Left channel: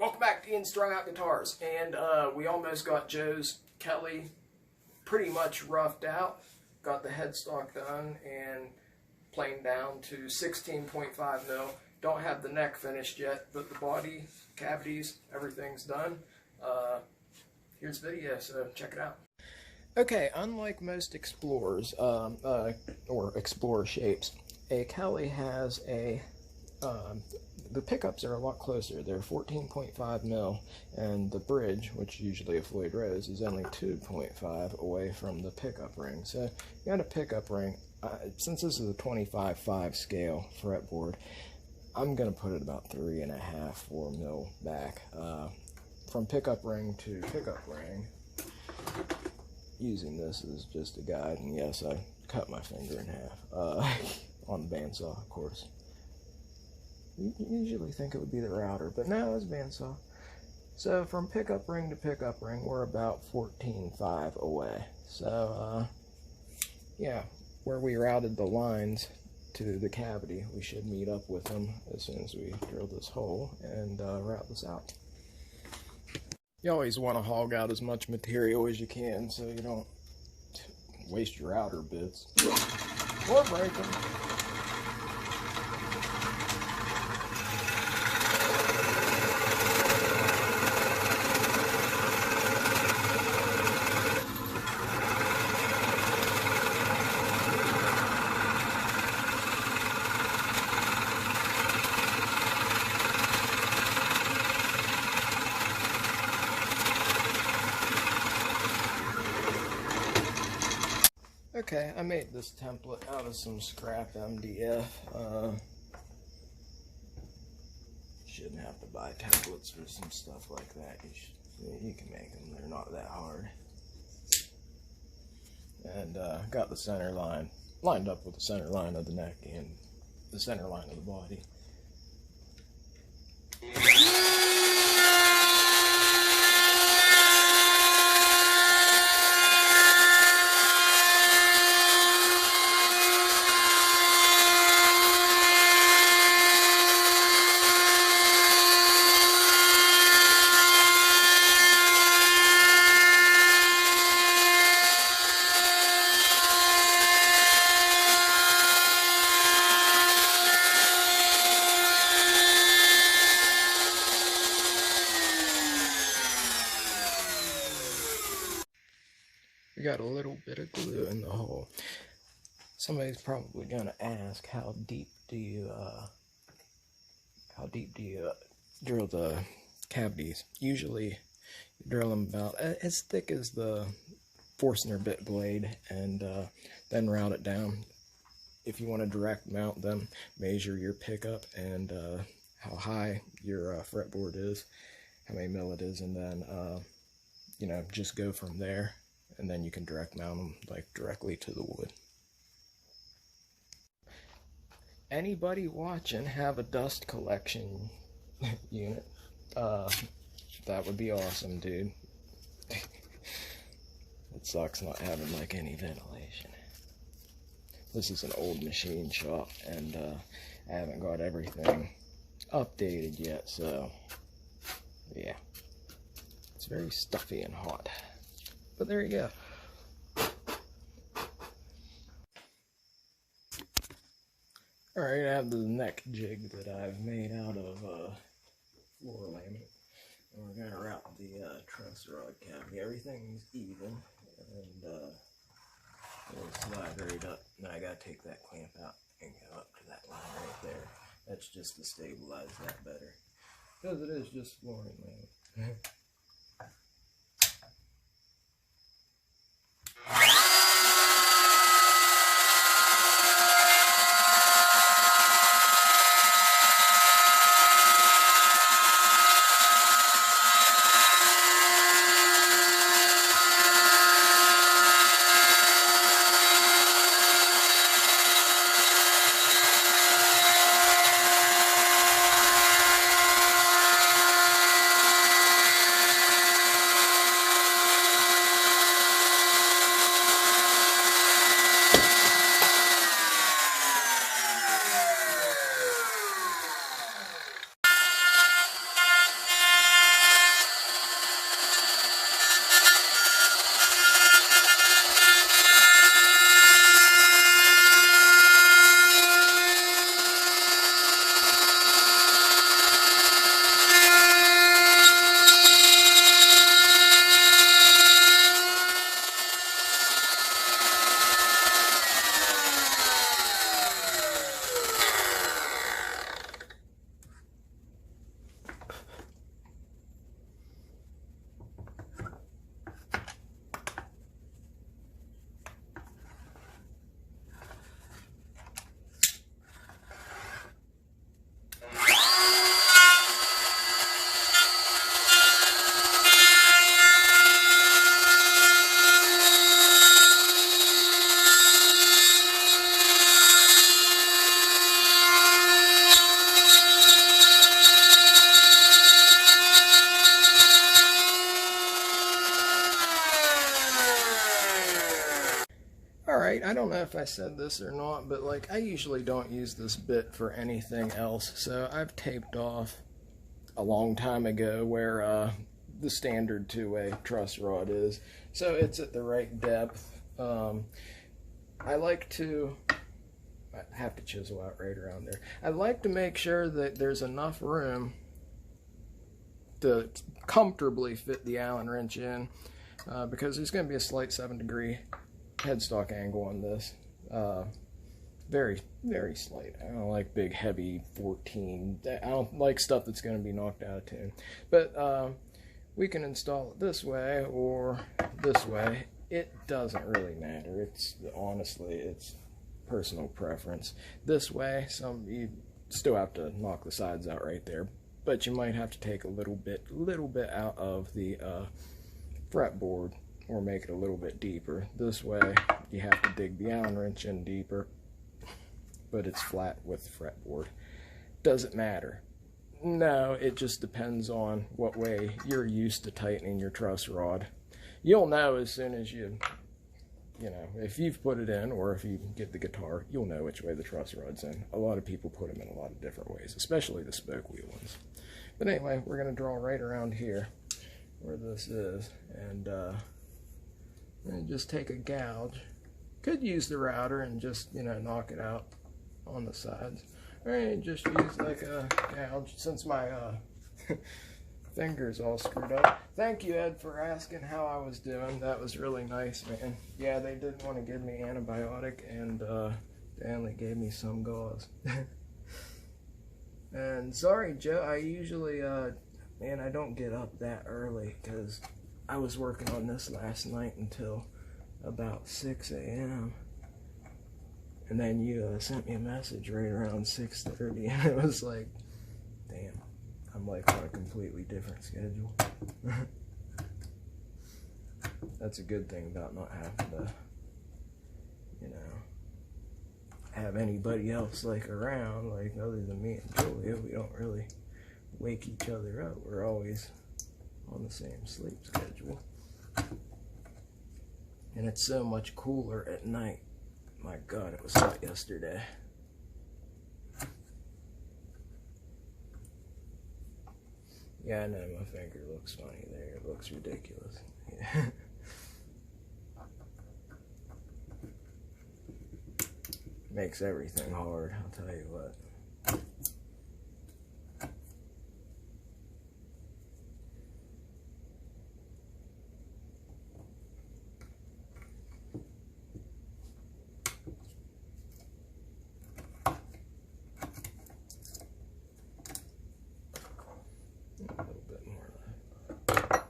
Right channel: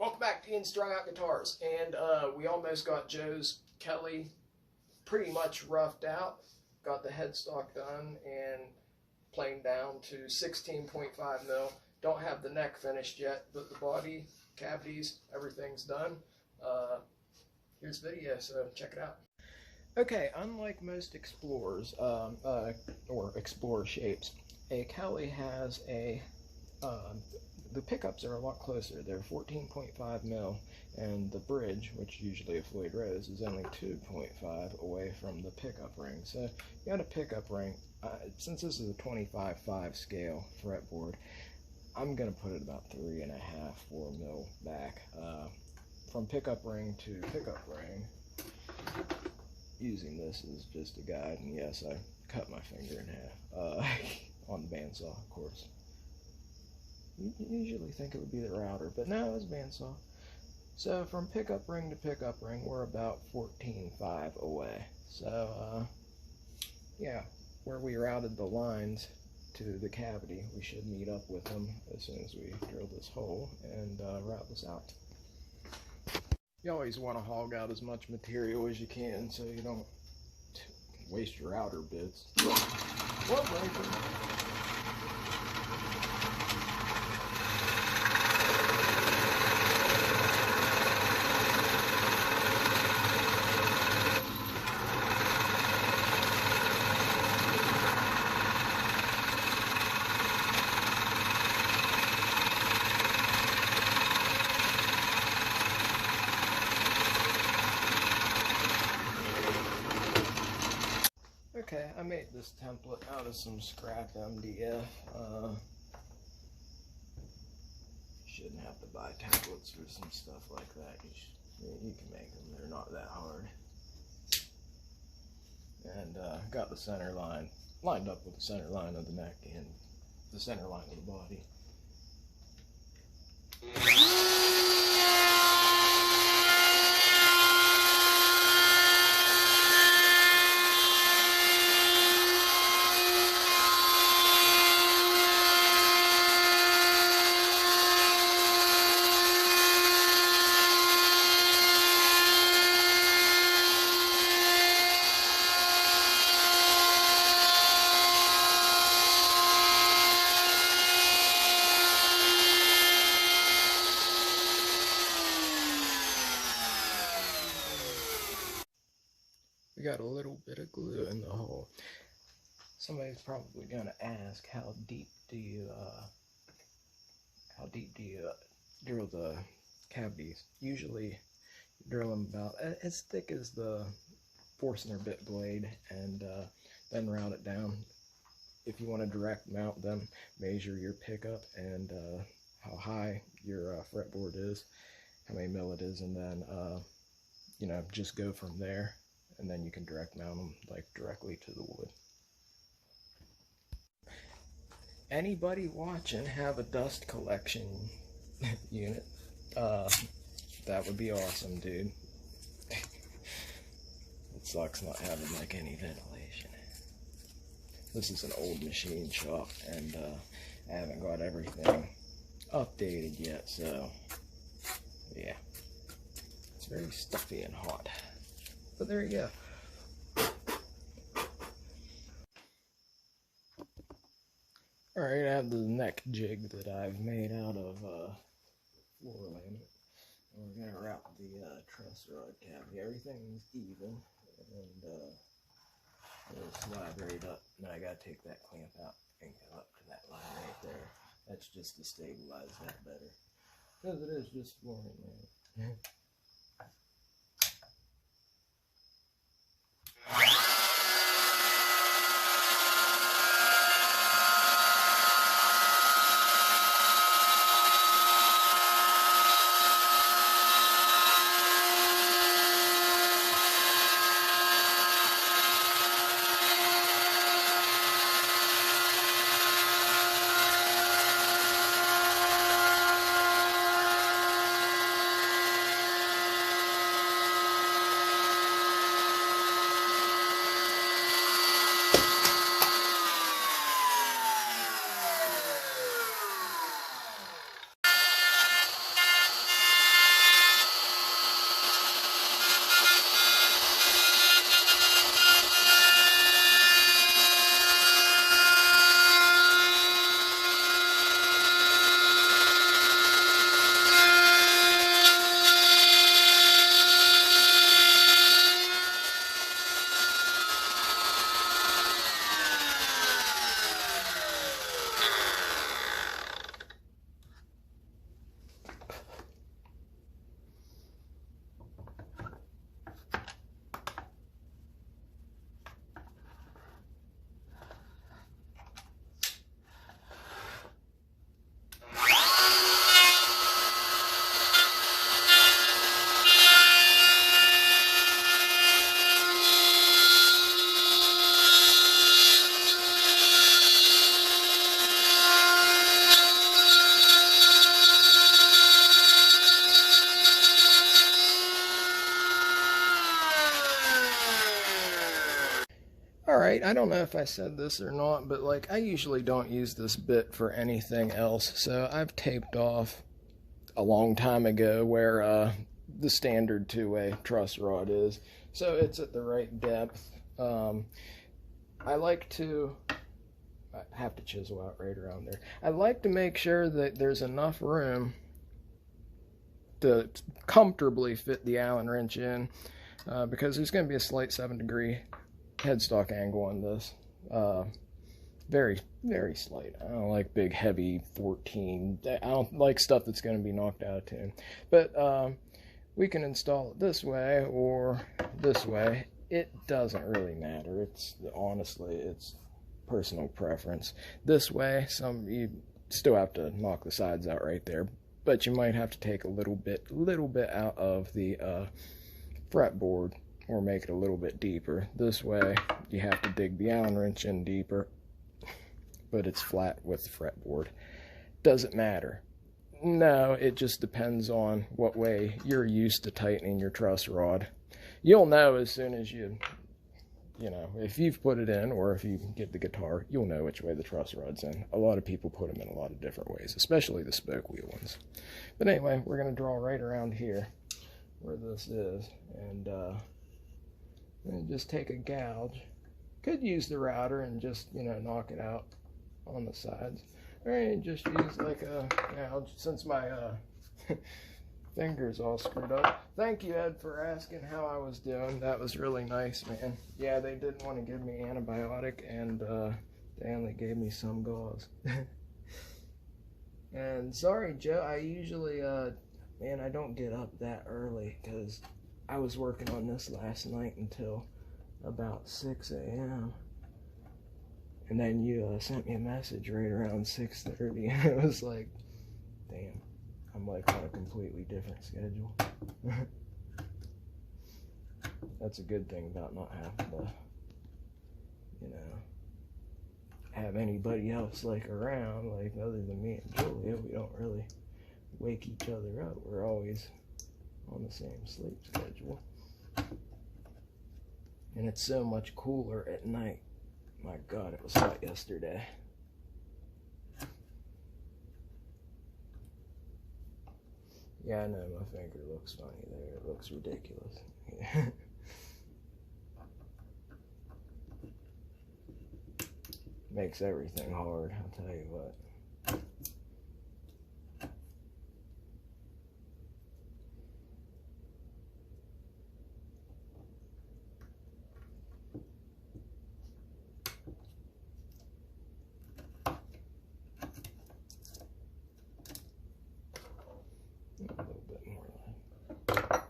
Welcome back to Ian Strung Out Guitars, and we almost got Joe's Kelly pretty much roughed out. Got the headstock done and planed down to 16.5 mil. Don't have the neck finished yet, but the body, cavities, everything's done. Here's video, so check it out. Okay, unlike most explorers, or explorer shapes, a Kelly has a the pickups are a lot closer. They're 14.5 mil, and the bridge, which usually a Floyd Rose, is only 2.5 away from the pickup ring. So you got a pickup ring. Since this is a 25/5 scale fretboard, I'm gonna put it about 3.5–4 mil back from pickup ring to pickup ring. Using this as just a guide, and yes, I cut my finger in half on the bandsaw, of course. You usually think it would be the router, but no, it's bandsaw. So from pickup ring to pickup ring, we're about 14.5 away. So yeah, where we routed the lines to the cavity, we should meet up with them as soon as we drill this hole and route this out. You always want to hog out as much material as you can so you don't waste your outer bits. Or break them. Okay, I made this template out of some scrap MDF. Shouldn't have to buy templates for some stuff like that. You can make them, they're not that hard. And got the center line lined up with the center line of the neck and the center line of the body. We got a little bit of glue in the hole. Somebody's probably gonna ask, how deep do you drill the cavities? Usually you drill them about as thick as the Forstner bit blade, and then route it down. If you want to direct mount them, measure your pickup and how high your fretboard is, how many mil it is, and then you know, just go from there. And then you can direct mount them like directly to the wood. Anybody watching have a dust collection unit? That would be awesome, dude. It sucks not having like any ventilation. This is an old machine shop, and I haven't got everything updated yet, so yeah, it's very stuffy and hot. But there you go. Alright, I have the neck jig that I've made out of floor laminate. And we're going to route the truss rod cavity. Everything's even, and it'll slide right up. Now I got to take that clamp out and go up to that line right there. That's just to stabilize that better, because it is just flooring laminate. I don't know if I said this or not, but like I usually don't use this bit for anything else. So I've taped off a long time ago where the standard two-way truss rod is. So it's at the right depth. I like to, I have to chisel out right around there. I like to make sure that there's enough room to comfortably fit the Allen wrench in, because there's going to be a slight 7-degree headstock angle on this. Very, very slight. I don't like big, heavy 14. I don't like stuff that's going to be knocked out of tune. But we can install it this way or this way. It doesn't really matter. Honestly, it's personal preference. This way, you still have to knock the sides out right there, but you might have to take a little bit out of the fretboard or make it a little bit deeper. This way, you have to dig the Allen wrench in deeper, but it's flat with the fretboard. Doesn't matter. No, it just depends on what way you're used to tightening your truss rod. You'll know as soon as you know, if you've put it in, or if you get the guitar, you'll know which way the truss rod's in. A lot of people put them in a lot of different ways, especially the spoke wheel ones. But anyway, we're going to draw right around here where this is, and just take a gouge. Could use the router and just, you know, knock it out on the sides. Or just use like a gouge, since my fingers all screwed up. Thank you, Ed, for asking how I was doing. That was really nice, man. Yeah, they didn't want to give me antibiotic, and they only gave me some gauze. And sorry, Joe, I usually, man, I don't get up that early, because I was working on this last night until about 6 a.m. And then you sent me a message right around 6:30, and it was like, damn, I'm like on a completely different schedule. That's a good thing about not having to, you know, have anybody else like around, like other than me and Julia. We don't really wake each other up. We're always on the same sleep schedule. And it's so much cooler at night. My God, it was hot yesterday. Yeah, I know my finger looks funny there. It looks ridiculous. Yeah. Makes everything hard, I'll tell you what. A little bit more left.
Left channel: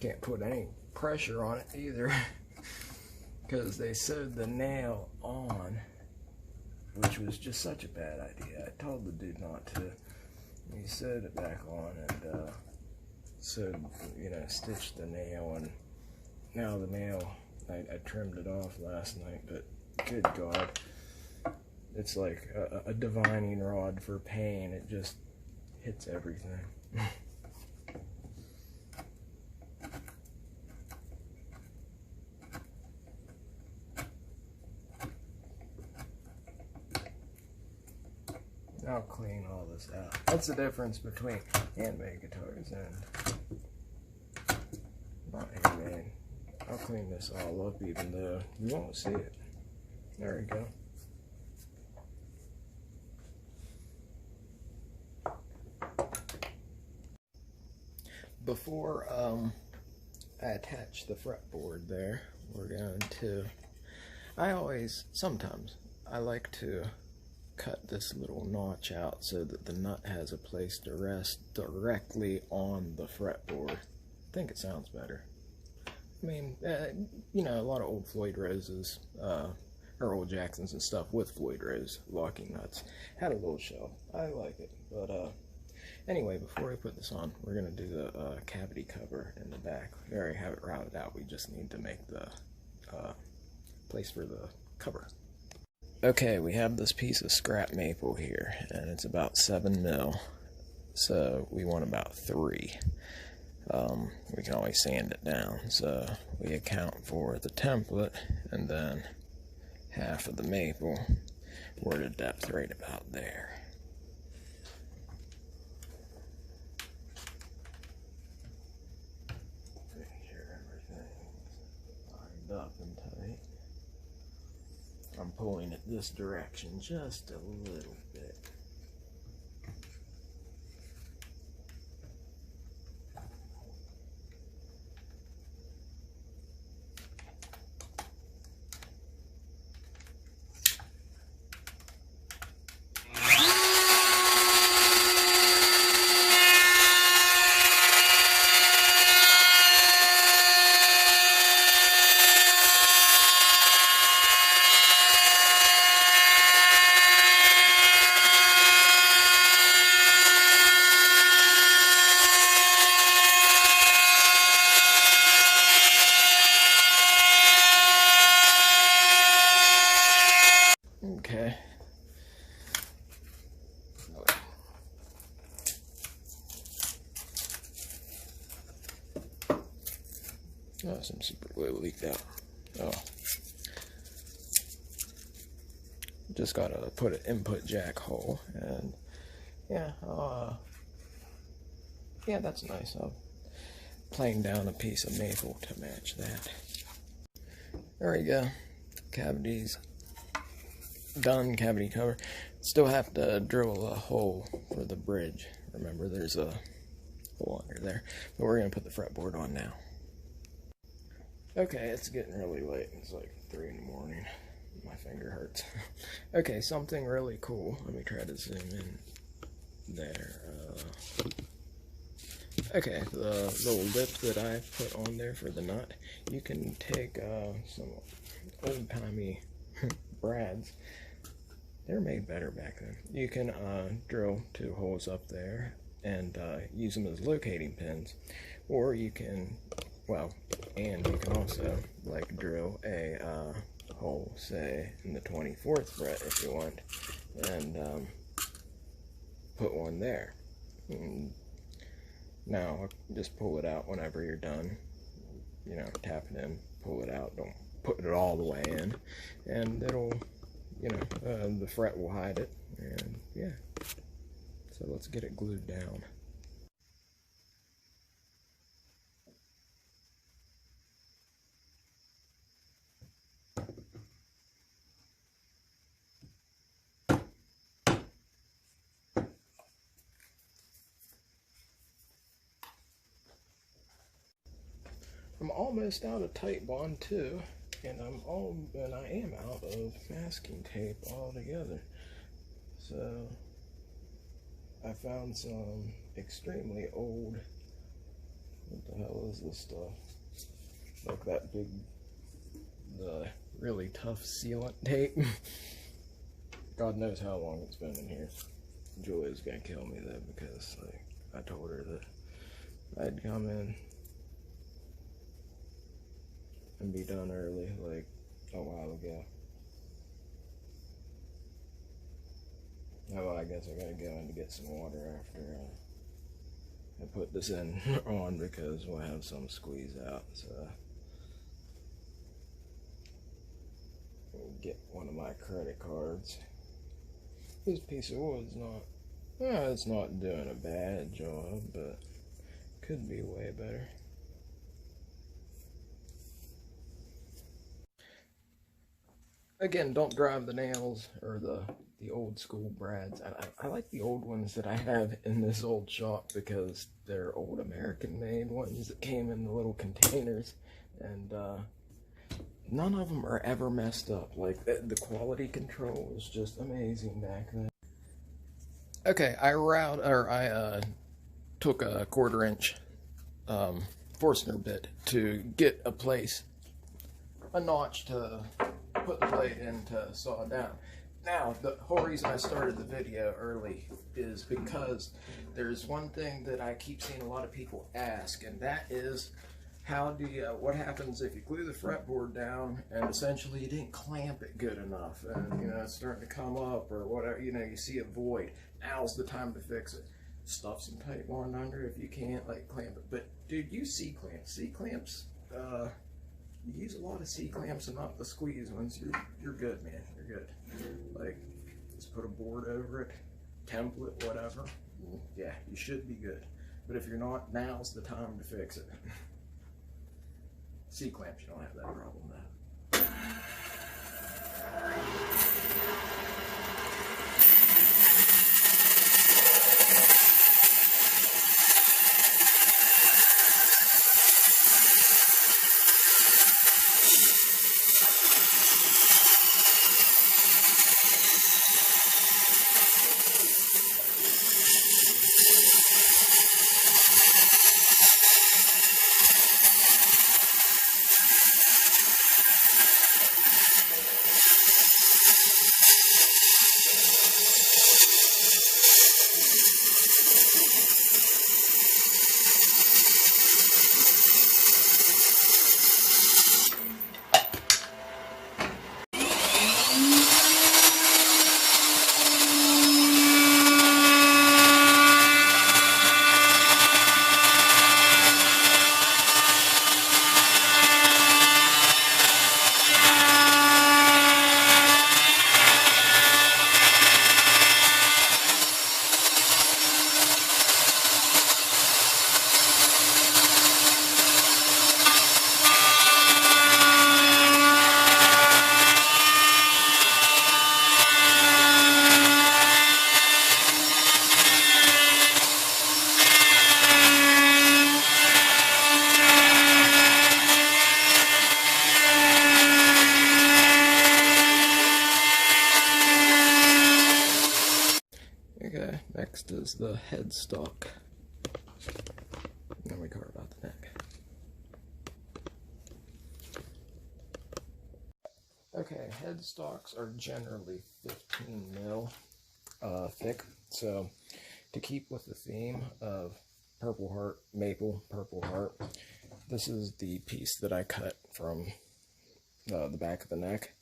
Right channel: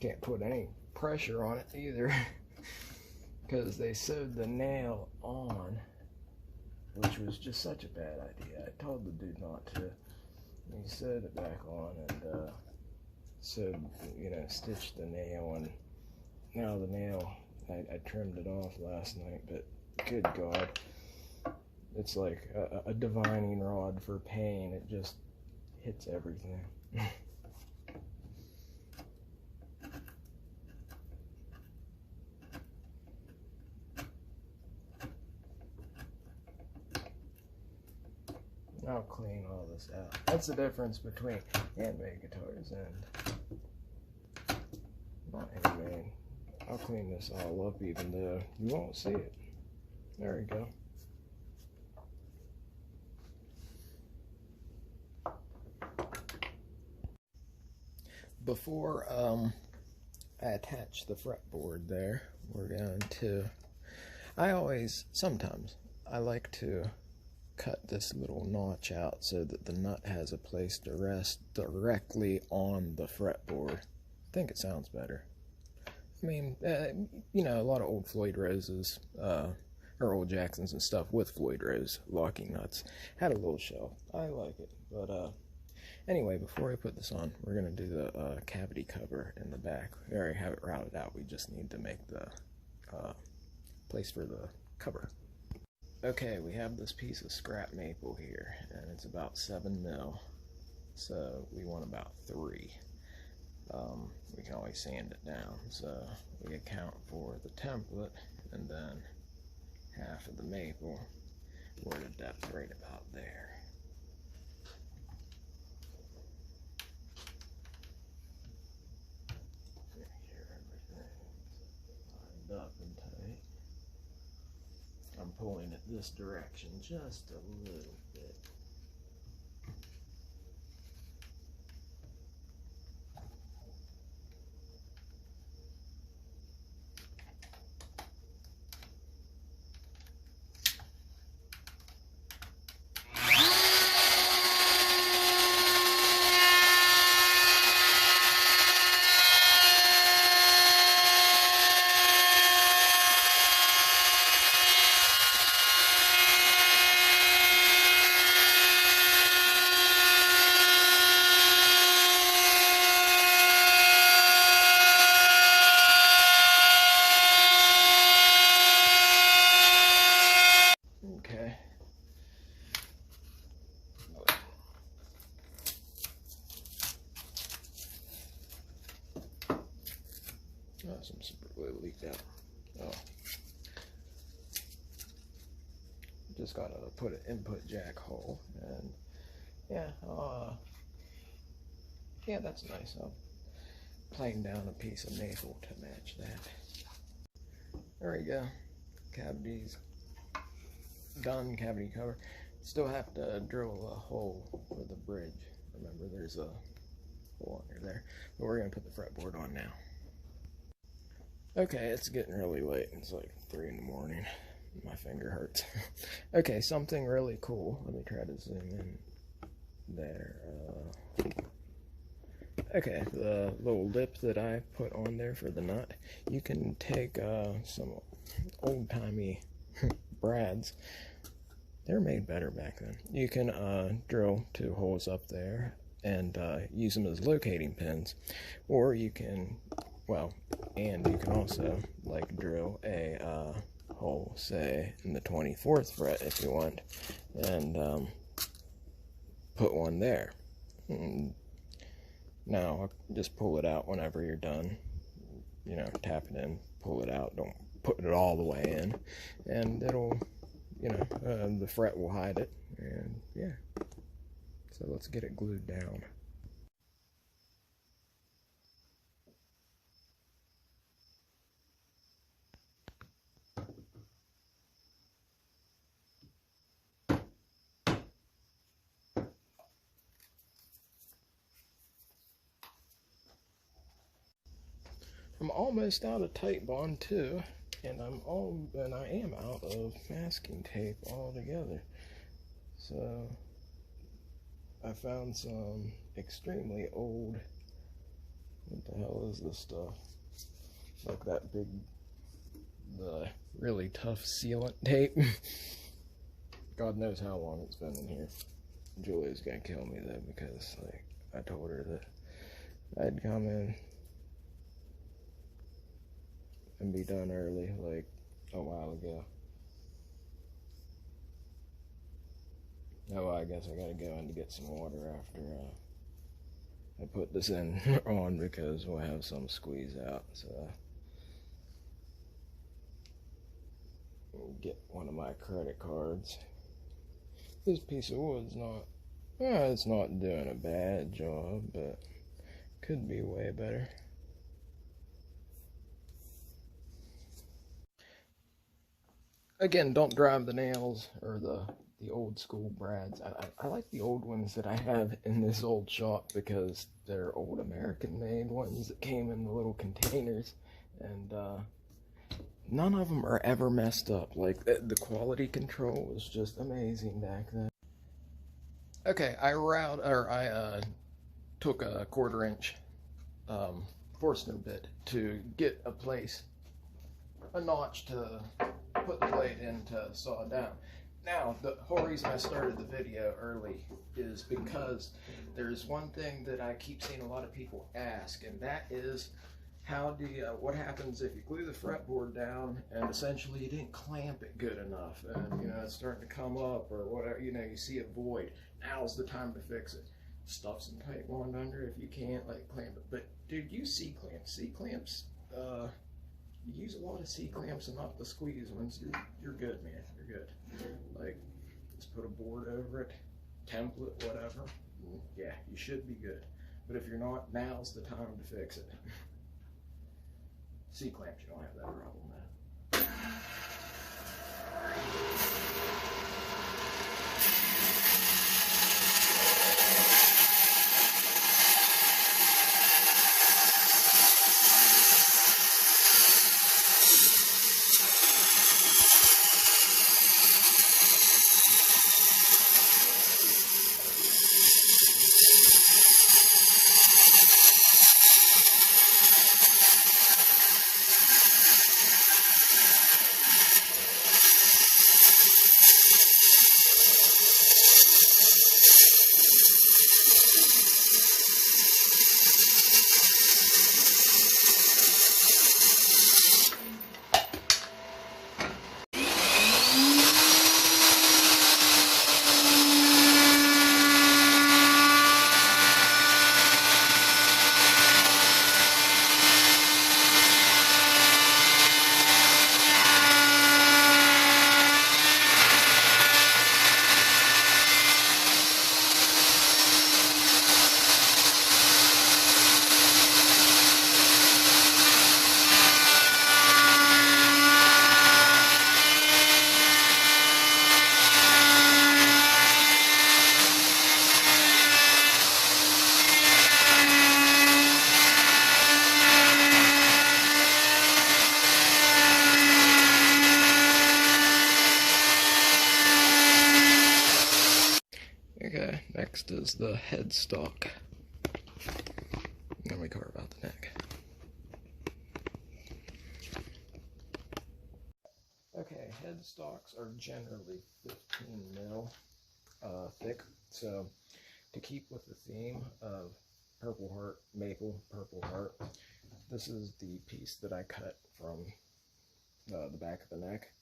Can't put any pressure on it either, because they sewed the nail on, which was just such a bad idea. I told the dude not to. He sewed it back on and sewed, you know, stitched the nail, and now the nail, I trimmed it off last night, but good God, it's like a divining rod for pain. It just hits everything. I'll clean all this out. That's the difference between handmade guitars and not handmade. I'll clean this all up even though you won't see it. There we go. Before I attach the fretboard there, we're going to Sometimes, I like to cut this little notch out so that the nut has a place to rest directly on the fretboard. I think it sounds better. I mean, you know, a lot of old Floyd Roses, or old Jacksons and stuff with Floyd Rose locking nuts had a little shell. I like it. But anyway, before we put this on, we're going to do the cavity cover in the back. We already have it routed out. We just need to make the place for the cover. Okay, we have this piece of scrap maple here, and it's about 7 mil, so we want about 3. We can always sand it down, so we account for the template, and then half of the maple. We're at a depth right about there. Make sure everything's lined up and tight. I'm pulling it this direction just a little bit. Okay. Oh, some super glue leaked out. Oh. Just gotta put an input jack hole, and yeah, yeah, that's nice. I'll plane down a piece of maple to match that. There we go. Cavities done, cavity cover. Still have to drill a hole for the bridge. Remember, there's a hole under there. But we're gonna put the fretboard on now. Okay, it's getting really late. It's like 3 in the morning. My finger hurts. Okay, something really cool. Let me try to zoom in there. Okay, the little lip that I put on there for the nut, you can take some old-timey brads. They're made better back then. You can drill 2 holes up there and use them as locating pins, or you can, well, and you can also like drill a hole, say in the 24th fret if you want, and put one there. And now just pull it out whenever you're done. You know, tap it in, pull it out. Don't put it all the way in, and it'll, you know, the fret will hide it. And yeah, so let's get it glued down. I'm almost out of tight bond too, and I am out of masking tape altogether. So I found some extremely old, what the hell is this stuff? Like that big, the really tough sealant tape. God knows how long it's been in here. Julia's gonna kill me though, because like I told her that I'd come in and be done early, like a while ago. Oh, I guess I gotta go in to get some water after I put this in on, because we'll have some squeeze out. So I'll get one of my credit cards. This piece of wood's not, it's not doing a bad job, but could be way better. Again, don't drive the nails or the old school brads. I like the old ones that I have in this old shop, because they're old American made ones that came in the little containers, and none of them are ever messed up. Like, the quality control was just amazing back then. Okay, I took a 1/4 inch Forstner bit to get a notch to put the blade in to saw down. Now, the whole reason I started the video early is because there's one thing that I keep seeing a lot of people ask, and that is, what happens if you glue the fretboard down and essentially you didn't clamp it good enough, and it's starting to come up or whatever, you see a void. Now's the time to fix it. Stuff some tight wand under if you can't, like, clamp it. But dude, use C-clamps. C-clamps, you use a lot of C-clamps and not the squeeze ones. You're good, man. You're good. Like, just put a board over it, template, whatever. Yeah, you should be good. But if you're not, now's the time to fix it. C-clamps, you don't have that problem now. Okay, next is the headstock. Then we carve out the neck. Okay, headstocks are generally 15 mil thick. So to keep with the theme of Purple Heart, Maple, Purple Heart, this is the piece that I cut from the back of the neck.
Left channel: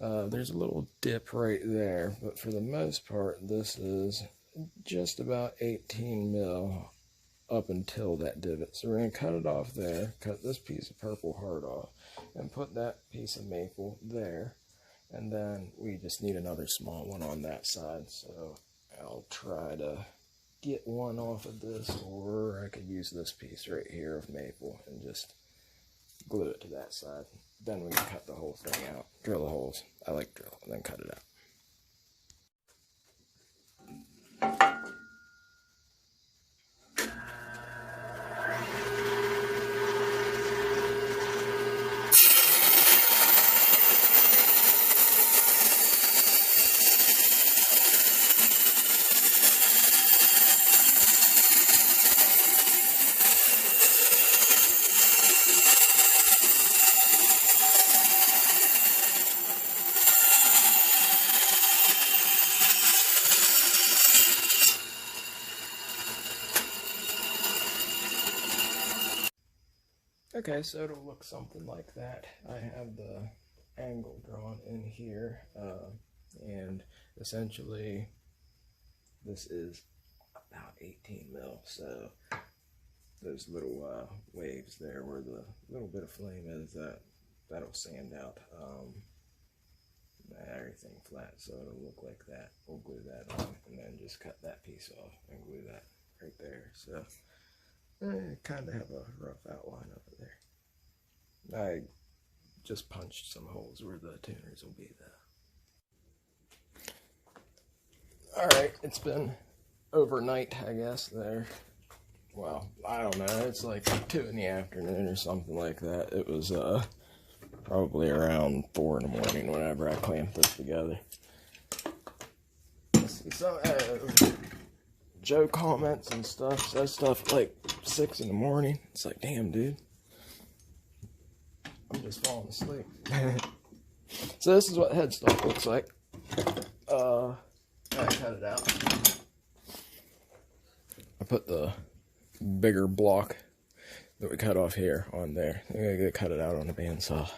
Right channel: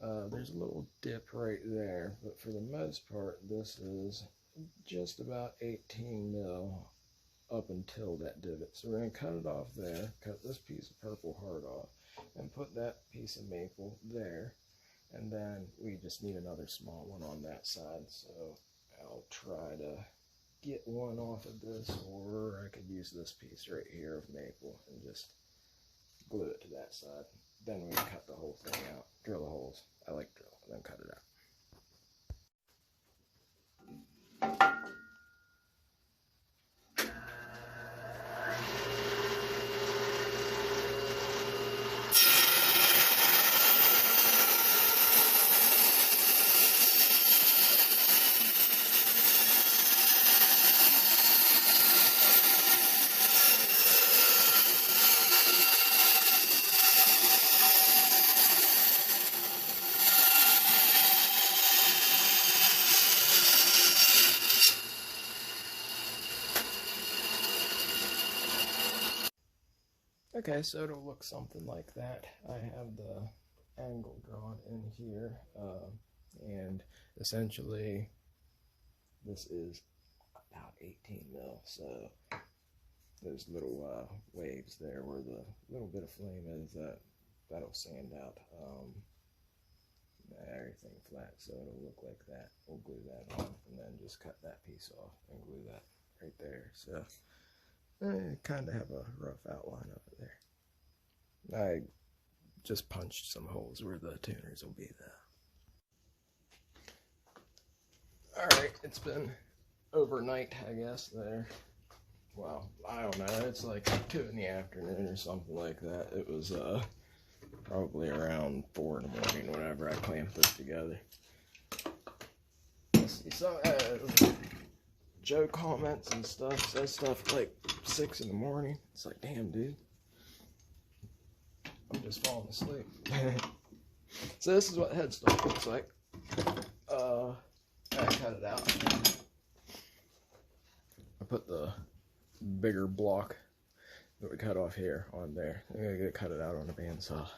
There's a little dip right there, but for the most part, this is just about 18 mil up until that divot. So we're going to cut it off there, cut this piece of Purple Heart off, and put that piece of maple there. And then we just need another small one on that side. So I'll try to get one off of this, or I could use this piece right here of maple and just glue it to that side. Then we can cut the whole thing out. Drill the holes. I like drill, and then cut it out. Okay, so it'll look something like that. I have the angle drawn in here, and essentially this is about 18 mil. So those little waves there where the little bit of flame is, that'll sand out everything flat, so it'll look like that. We'll glue that on and then just cut that piece off and glue that right there. So kind of have a rough outline of it there. I just punched some holes where the tuners will be there. Alright, it's been overnight, I guess, there. Well, I don't know, it's like 2 in the afternoon or something like that. It was probably around 4 in the morning whenever I clamp this together. See, so Joe comments and stuff, says stuff like 6 in the morning. It's like, damn, dude, I'm just falling asleep. So this is what headstock looks like. I cut it out. I put the bigger block that we cut off here on there. I'm gonna cut it out on a bandsaw.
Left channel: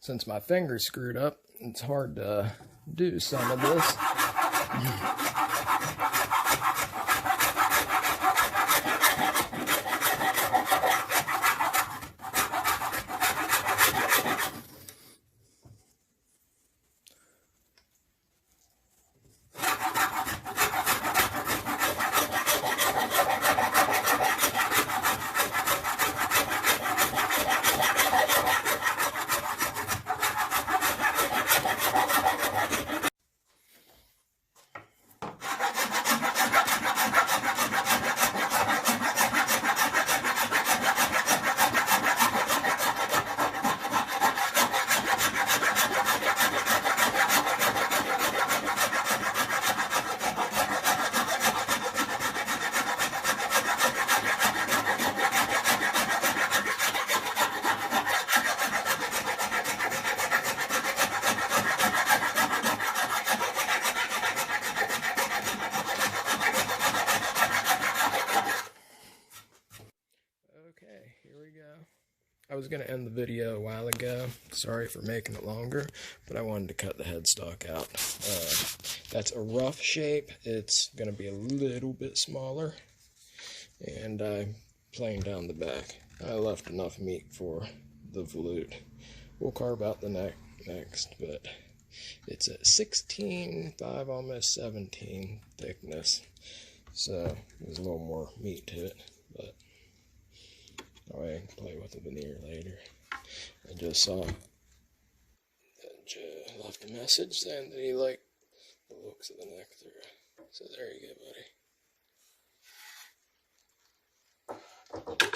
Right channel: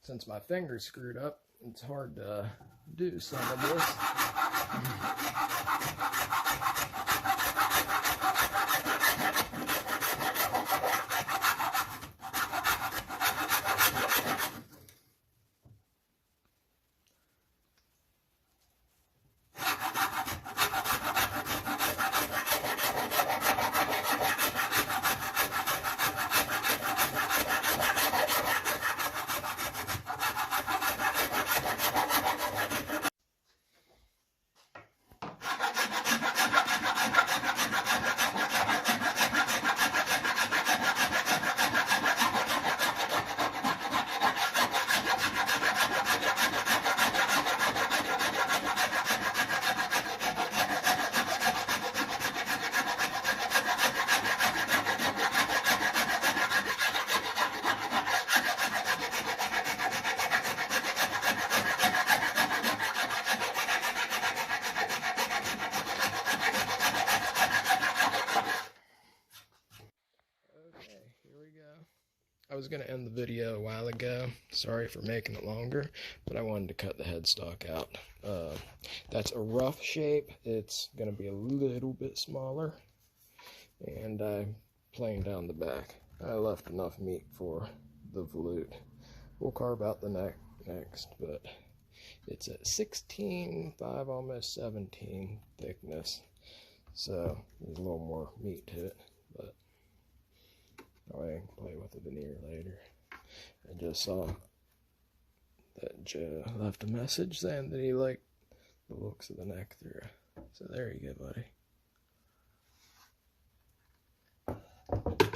Since my finger's screwed up, it's hard to do some of this. I was going to end the video a while ago. Sorry for making it longer, but I wanted to cut the headstock out. That's a rough shape. It's going to be a little bit smaller. And I'm playing down the back. I left enough meat for the volute. We'll carve out the neck next, but it's at 16.5, almost 17 thickness. So there's a little more meat to it, but I can play with the veneer later. I just saw that Joe left a message saying that he liked the looks of the neck through. So there you go, buddy. it.